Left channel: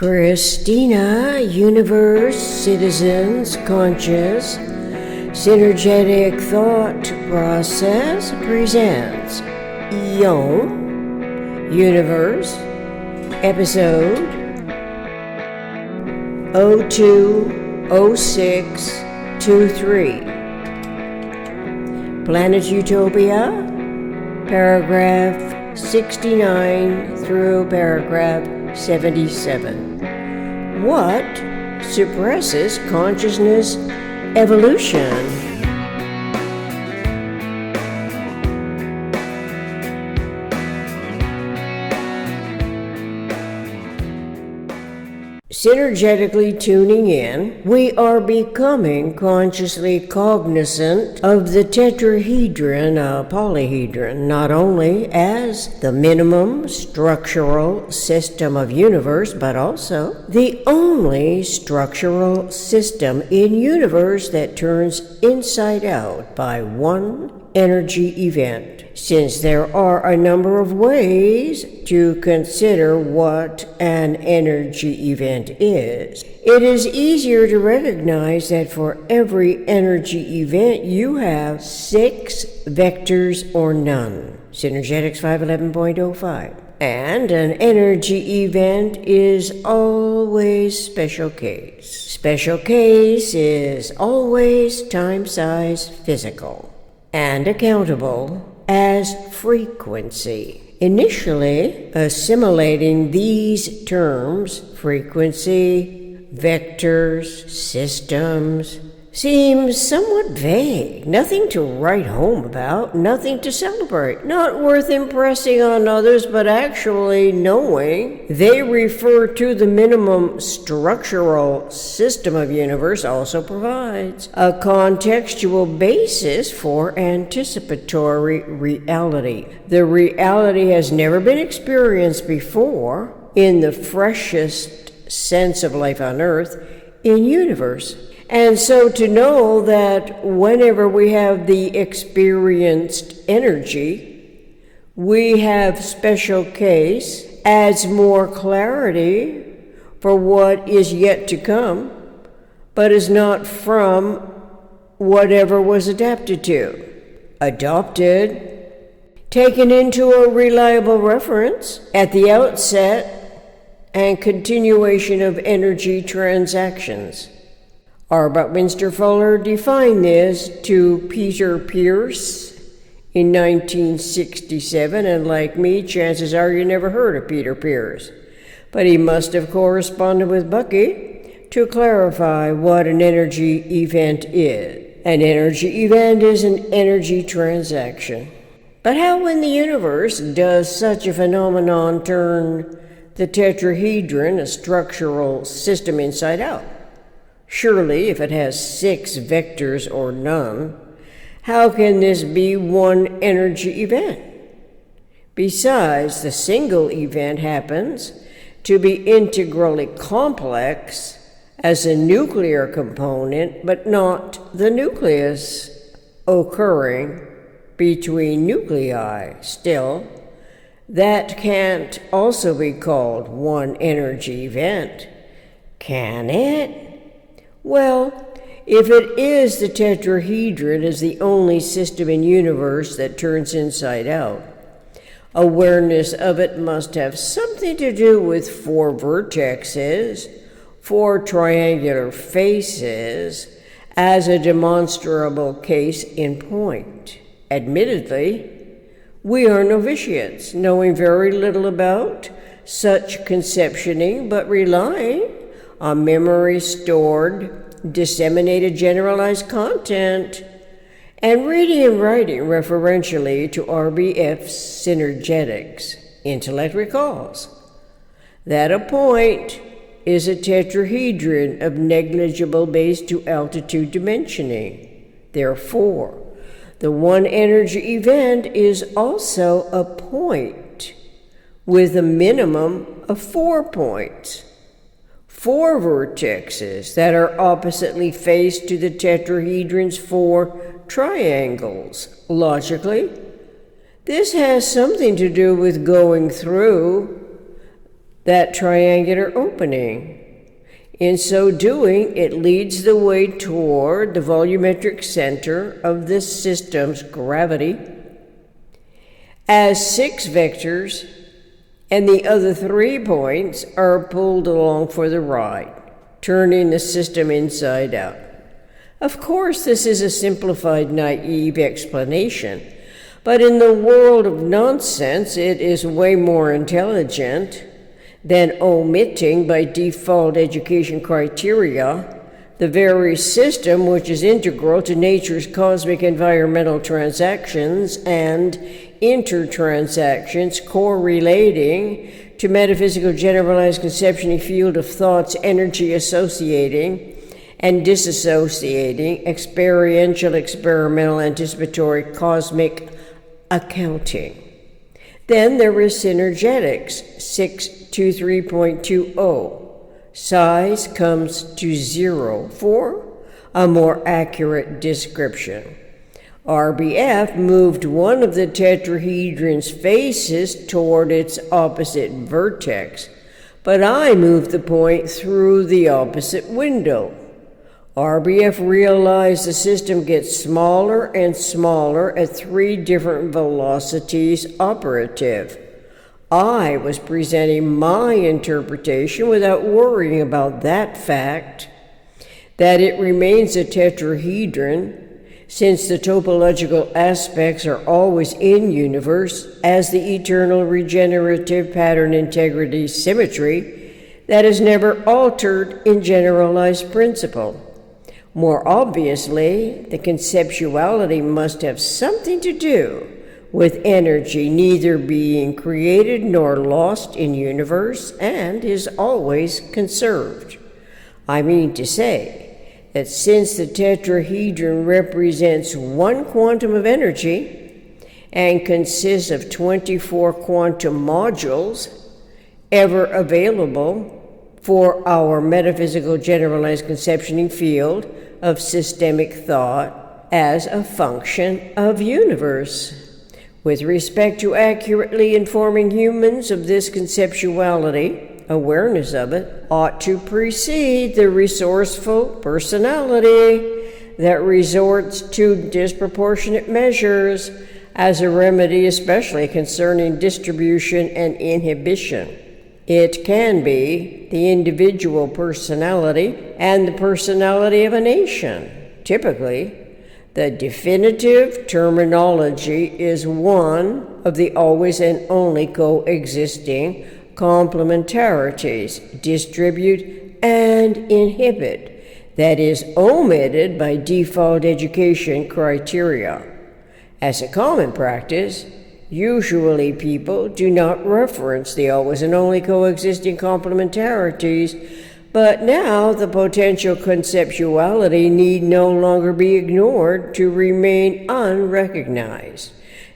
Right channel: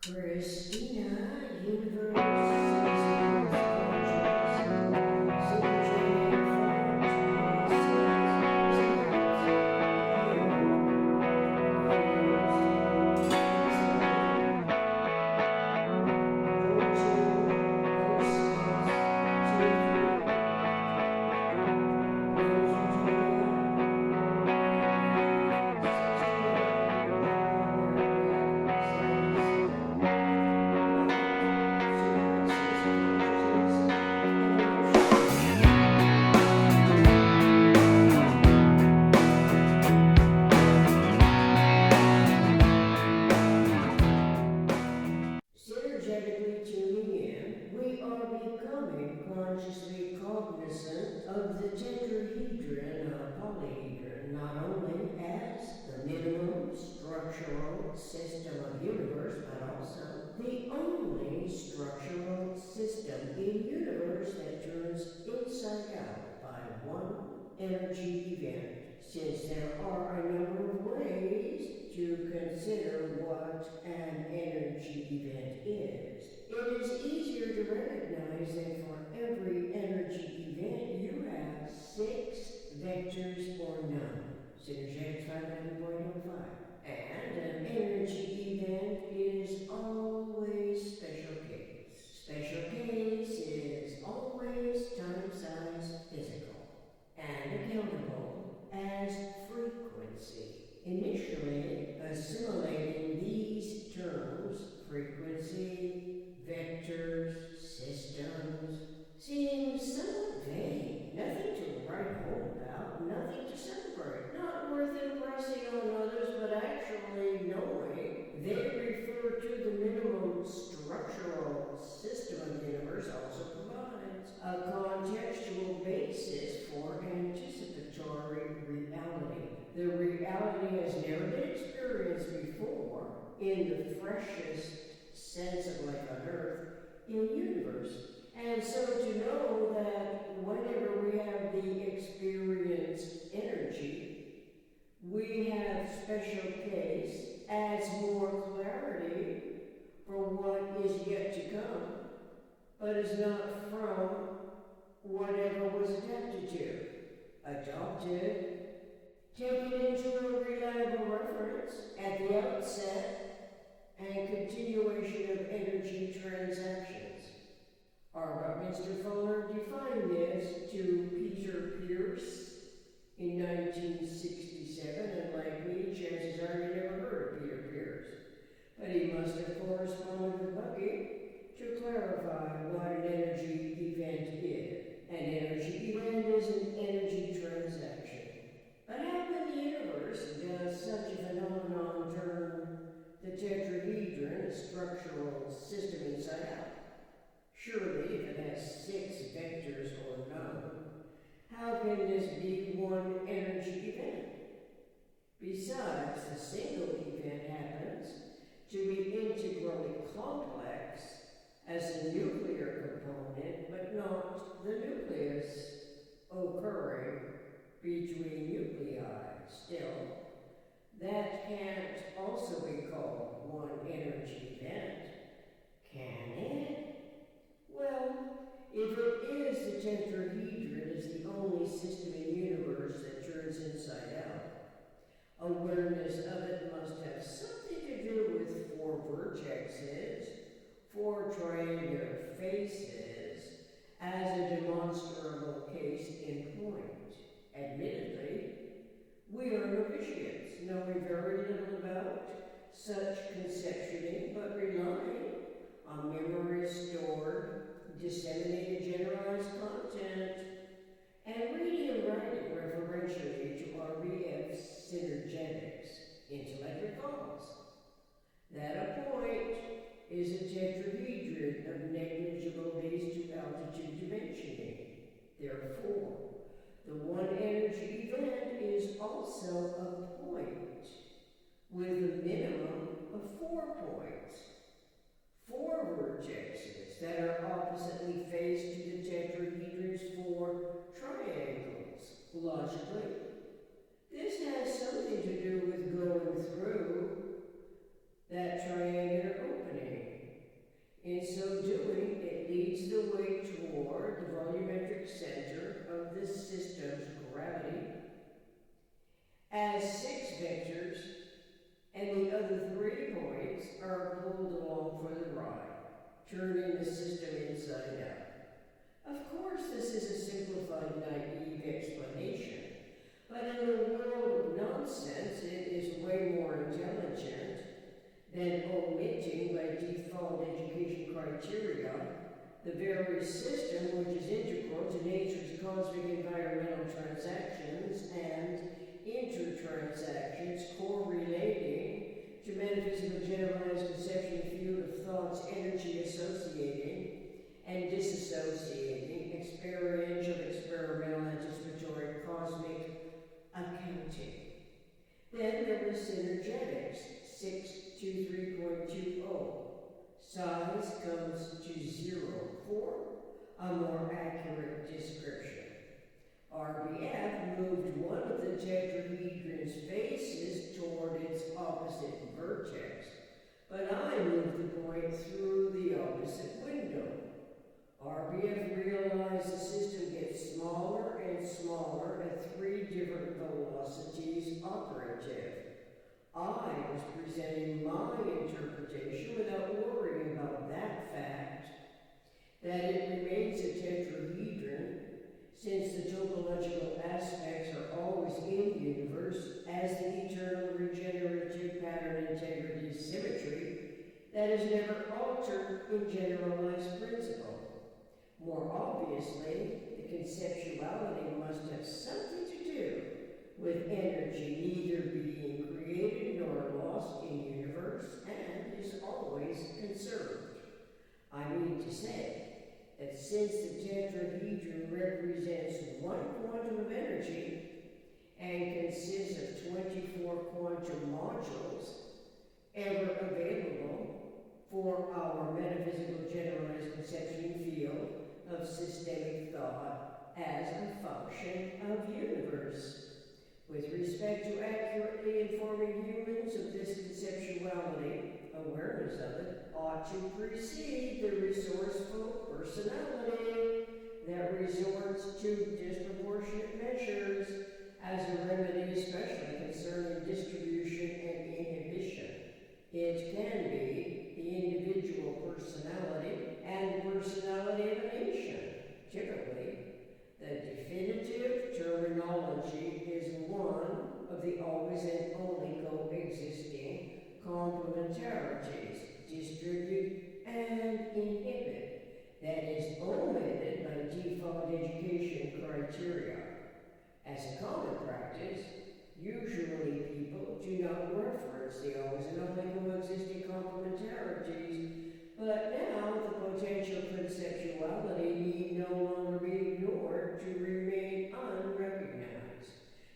Christina, Universe, Citizens, Conscious, Synergetic Thought Process presents Universe, Episode 020623. Planet Utopia, paragraph 69 through paragraph 77. What suppresses consciousness evolution? Synergetically tuning in, we are becoming consciously cognizant of the tetrahedron, polyhedron, not only as the minimum structural system of universe, but also the only structural system in universe that turns inside out by one energy event. Since there are a number of ways to consider what an energy event is, it is easier to recognize that for every energy event you have 6 vectors or none. Synergetics 511.05. And an energy event is always special case. Special case is always time, size, physical, and accountable as frequency. Initially, assimilating these terms, frequency, vectors, systems, seems somewhat vague, nothing to write home about, nothing to celebrate, not worth impressing on others, but actually knowing they refer to the minimum structural system of universe also provides a contextual basis for anticipatory reality. The reality has never been experienced before in the freshest sense of life on earth in universe. And so to know that whenever we have the experienced energy, we have special case adds more clarity for what is yet to come, but is not from whatever was adapted to, adopted, taken into a reliable reference at the outset and continuation of energy transactions. R. Buckminster Fuller defined this to Peter Pearce in 1967, and like me, chances are you never heard of Peter Pearce. But he must have corresponded with Bucky to clarify what an energy event is. An energy event is an energy transaction. But how in the universe does such a phenomenon turn the tetrahedron, a structural system, inside out? Surely, if it has 6 vectors or none, how can this be one energy event? Besides, the single event happens to be integrally complex as a nuclear component, but not the nucleus occurring between nuclei. Still, that can't also be called one energy event, can it? Well, if it is the tetrahedron is the only system in universe that turns inside out, awareness of it must have something to do with 4 vertexes, 4 triangular faces, as a demonstrable case in point. Admittedly, we are novitiates, knowing very little about such conceptioning, but relying on memory stored, disseminated generalized content, and reading and writing referentially to RBF's Synergetics. Intellect recalls that a point is a tetrahedron of negligible base to altitude dimensioning. Therefore, the one energy event is also a point with a minimum of 4 points. 4 vertexes that are oppositely faced to the tetrahedron's 4 triangles. Logically, this has something to do with going through that triangular opening. In so doing, it leads the way toward the volumetric center of this system's gravity as 6 vectors, and the other 3 points are pulled along for the ride, turning the system inside out. Of course, this is a simplified, naive explanation, but in the world of nonsense, it is way more intelligent than omitting by default education criteria the very system which is integral to nature's cosmic environmental transactions and intertransactions correlating to metaphysical generalized conception field of thoughts, energy associating and disassociating, experiential, experimental, anticipatory, cosmic accounting. Then there is Synergetics 623.20. Size comes to 0 for a more accurate description. RBF moved one of the tetrahedron's faces toward its opposite vertex, but I moved the point through the opposite window. RBF realized the system gets smaller and smaller at 3 different velocities operative. I was presenting my interpretation without worrying about that fact, that it remains a tetrahedron, since the topological aspects are always in universe as the eternal regenerative pattern integrity symmetry that is never altered in generalized principle. More obviously, the conceptuality must have something to do with energy neither being created nor lost in universe and is always conserved. I mean to say that since the tetrahedron represents 1 quantum of energy and consists of 24 quantum modules ever available for our metaphysical generalized conceptioning field of systemic thought as a function of universe. With respect to accurately informing humans of this conceptuality, awareness of it ought to precede the resourceful personality that resorts to disproportionate measures as a remedy, especially concerning distribution and inhibition. It can be the individual personality and the personality of a nation. Typically, the definitive terminology is one of the always and only coexisting complementarities, distribute and inhibit, that is omitted by default education criteria. As a common practice, usually people do not reference the always and only coexisting complementarities, but now the potential conceptuality need no longer be ignored to remain unrecognized.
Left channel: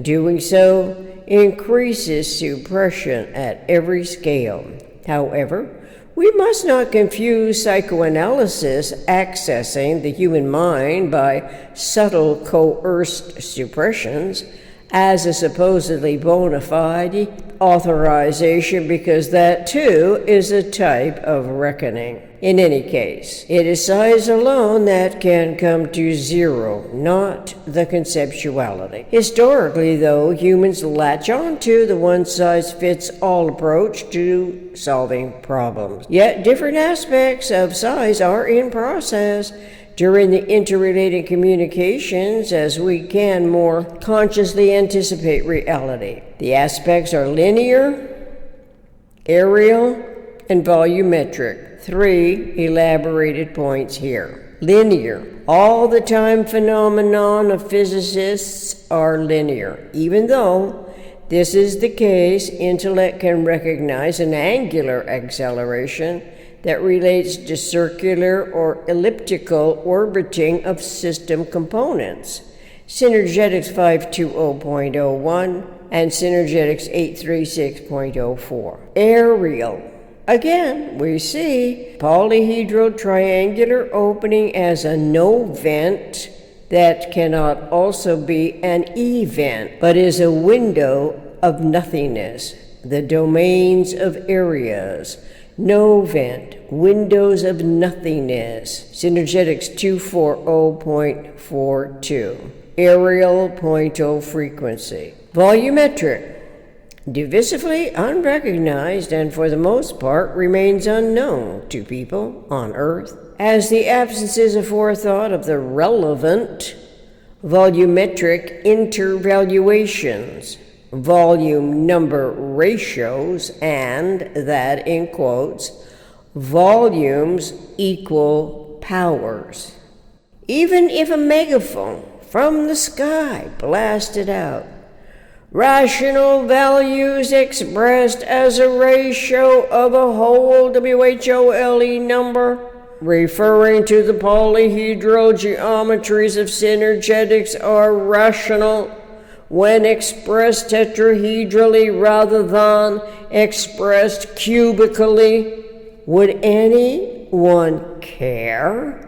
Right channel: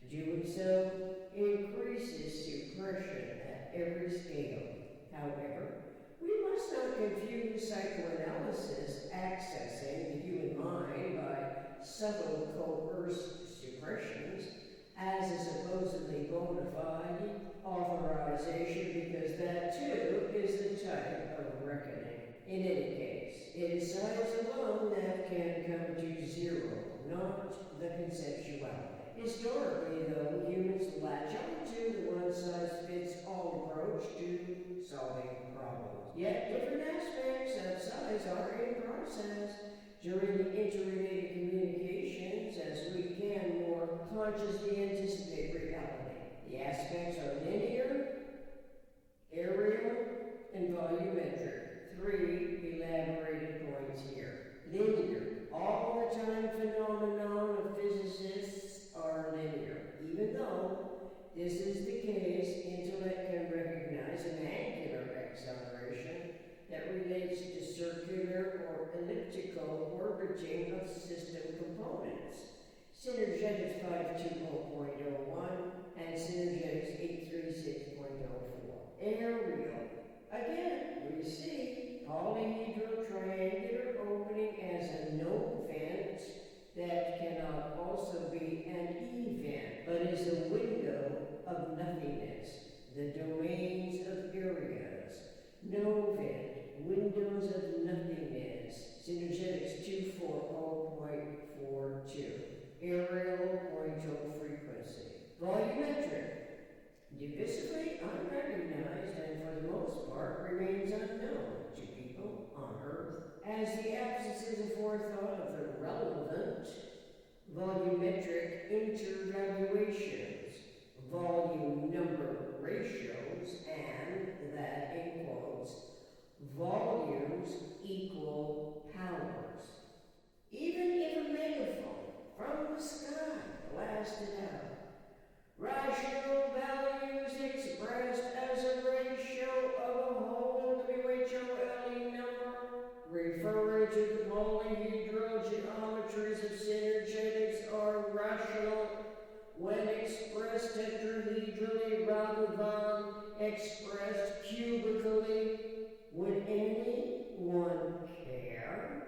Doing so increases suppression at every scale. However, we must not confuse psychoanalysis accessing the human mind by subtle coerced suppressions as a supposedly bona fide authorization, because that too is a type of reckoning. In any case, it is size alone that can come to 0, not the conceptuality. Historically, though, humans latch on to the one-size-fits-all approach to solving problems. Yet different aspects of size are in process during the interrelated communications as we can more consciously anticipate reality. The aspects are linear, aerial, and volumetric. 3 elaborated points here. Linear. All the time phenomenon of physicists are linear. Even though this is the case, intellect can recognize an angular acceleration that relates to circular or elliptical orbiting of system components. Synergetics 520.01 and Synergetics 836.04. Aerial. Again, we see polyhedral triangular opening as a no-vent that cannot also be an event, but is a window of nothingness. the domains of areas, no vent, windows of nothingness, Synergetics 240.42, aerial point-o frequency, volumetric, divisively unrecognized and for the most part remains unknown to people on Earth, as the absences of forethought of the relevant volumetric intervaluations, volume number ratios, and that, in quotes, volumes equal powers. Even if a megaphone from the sky blasted out, rational values expressed as a ratio of a whole WHOLE number, referring to the polyhedral geometries of synergetics, are rational when expressed tetrahedrally rather than expressed cubically. Would anyone care?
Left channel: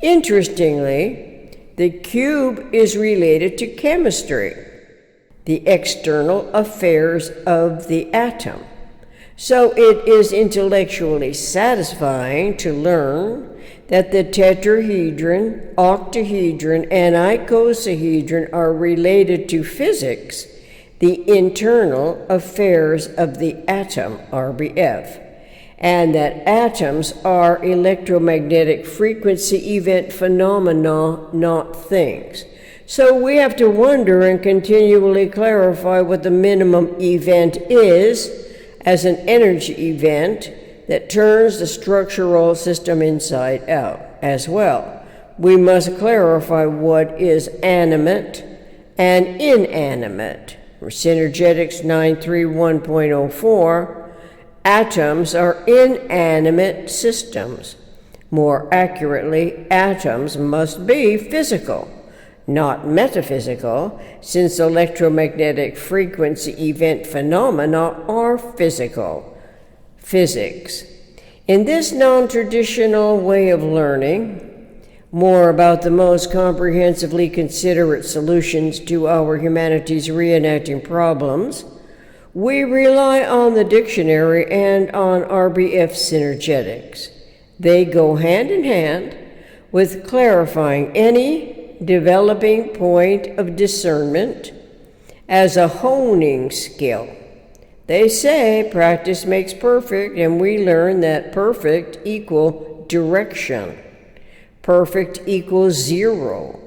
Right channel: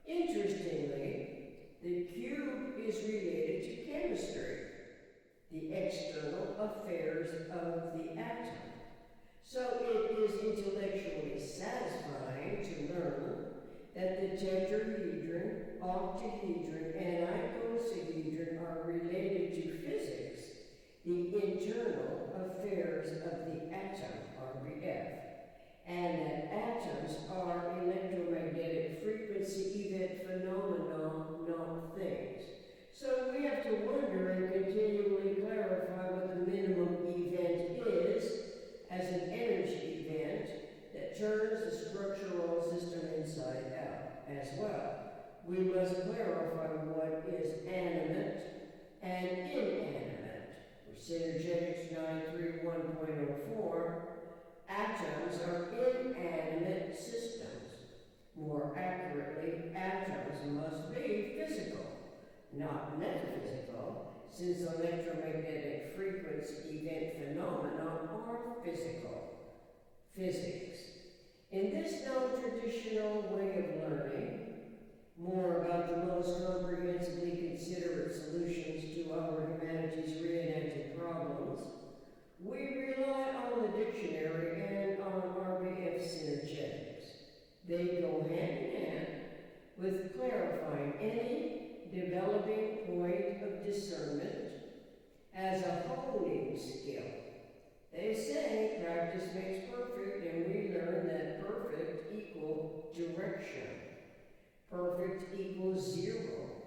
Interestingly, the cube is related to chemistry, the external affairs of the atom. So it is intellectually satisfying to learn that the tetrahedron, octahedron, and icosahedron are related to physics, the internal affairs of the atom, RBF, and that atoms are electromagnetic frequency event phenomena, not things. So we have to wonder and continually clarify what the minimum event is as an energy event that turns the structural system inside out. As well, we must clarify what is animate and inanimate. For Synergetics 931.04, atoms are inanimate systems. More accurately, atoms must be physical, not metaphysical, since electromagnetic frequency event phenomena are physical. Physics. In this non-traditional way of learning more about the most comprehensively considerate solutions to our humanity's reenacting problems, we rely on the dictionary and on RBF synergetics. They go hand in hand with clarifying any developing point of discernment as a honing skill. They say practice makes perfect, and we learn that perfect equal direction. Perfect equals zero.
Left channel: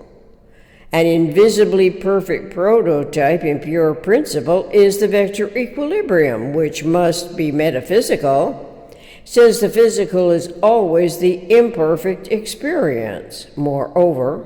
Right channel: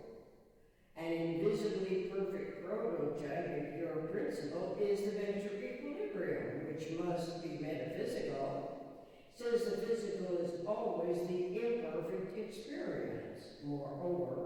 An invisibly perfect prototype in pure principle is the vector equilibrium, which must be metaphysical, since the physical is always the imperfect experience. Moreover,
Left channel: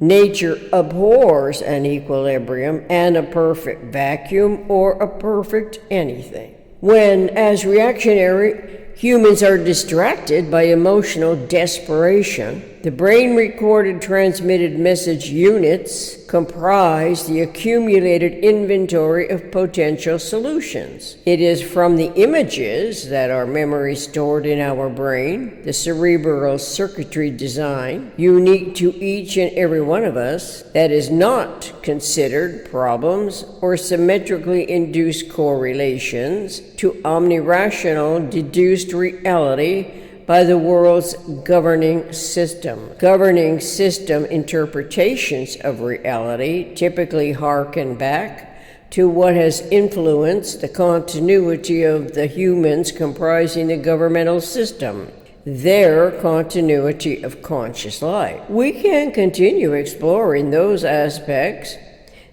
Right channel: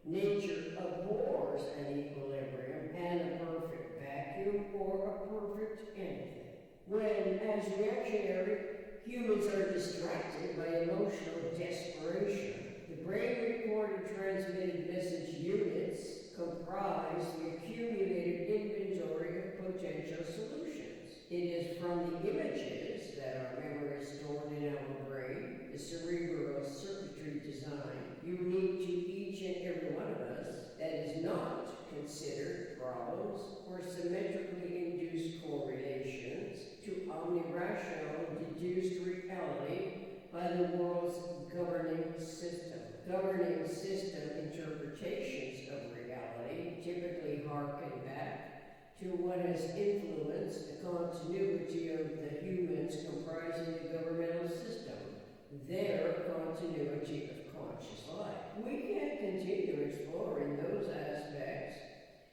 nature abhors an equilibrium and a perfect vacuum or a perfect anything. When, as reactionary, humans are distracted by emotional desperation, the brain-recorded transmitted message units comprise the accumulated inventory of potential solutions. It is from the images that are memory stored in our brain, the cerebral circuitry design, unique to each and every one of us, that is not considered problems or symmetrically induced correlations to omnirational deduced reality by the world's governing system. Governing system interpretations of reality typically harken back to what has influenced the continuity of the humans comprising the governmental system, their continuity of conscious life. We can continue exploring those aspects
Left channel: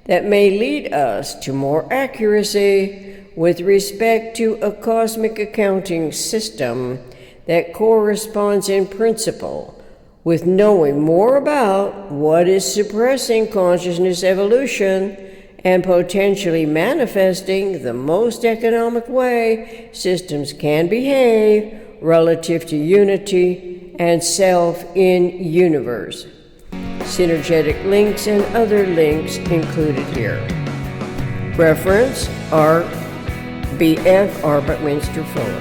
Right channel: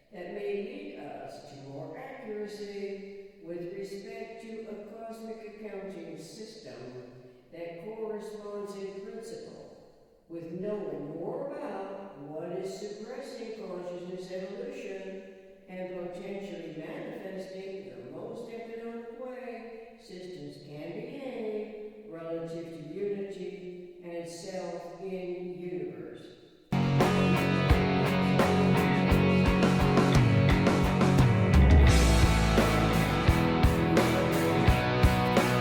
that may lead us to more accuracy with respect to a cosmic accounting system that corresponds in principle with knowing more about what is suppressing consciousness evolution and potentially manifesting the most economic way systems can behave relative to unity and self in universe. Synergetic links and other links included here. Reference RBF Arbutminster 4.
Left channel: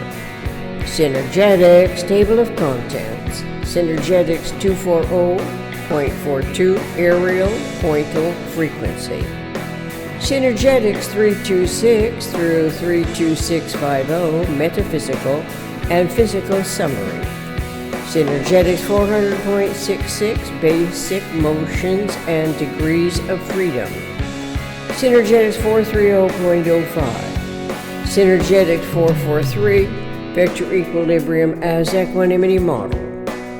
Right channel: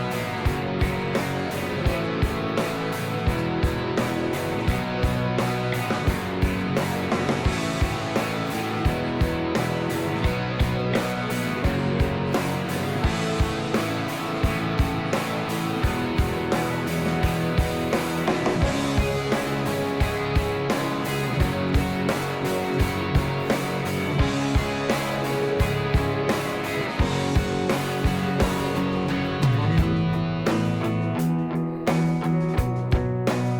Synergetics Table of Contents. Synergetics 240.42 Aerial Pointal Frequency. Synergetics 326 through 32650, metaphysical and physical summary. Synergetics 400.66, basic motions and degrees of freedom. Synergetics 430.05. Synergetics 443, vector equilibrium as equanimity model.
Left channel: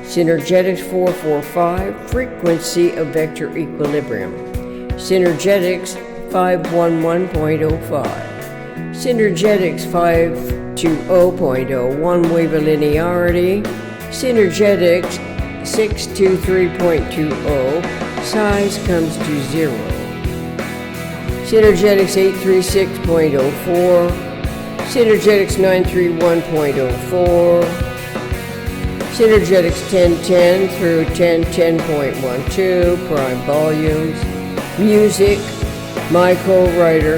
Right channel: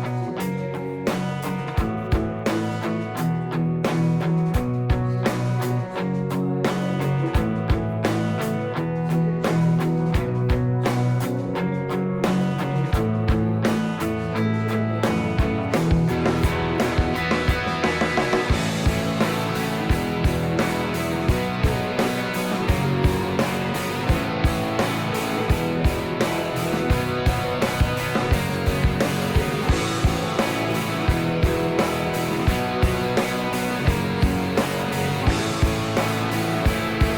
Synergetics 445, frequency of vector equilibrium. Synergetics 511.05. Synergetics 520.01, wave of linearity. Synergetics 623.20, size comes to 0. Synergetics 836.04. Synergetics 931.04. Synergetics 1010 through 1010.12, prime volumes. Music, my co-writer,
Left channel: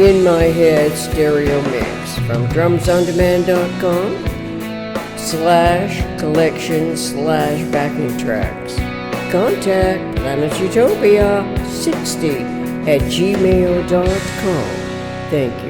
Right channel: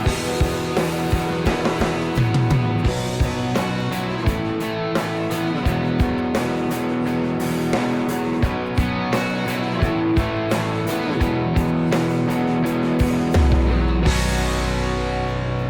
in my head stereo mix from drumsondemand.com/collection/backing tracks. Contact Planet Utopia 60 at gmail.com. Thank you.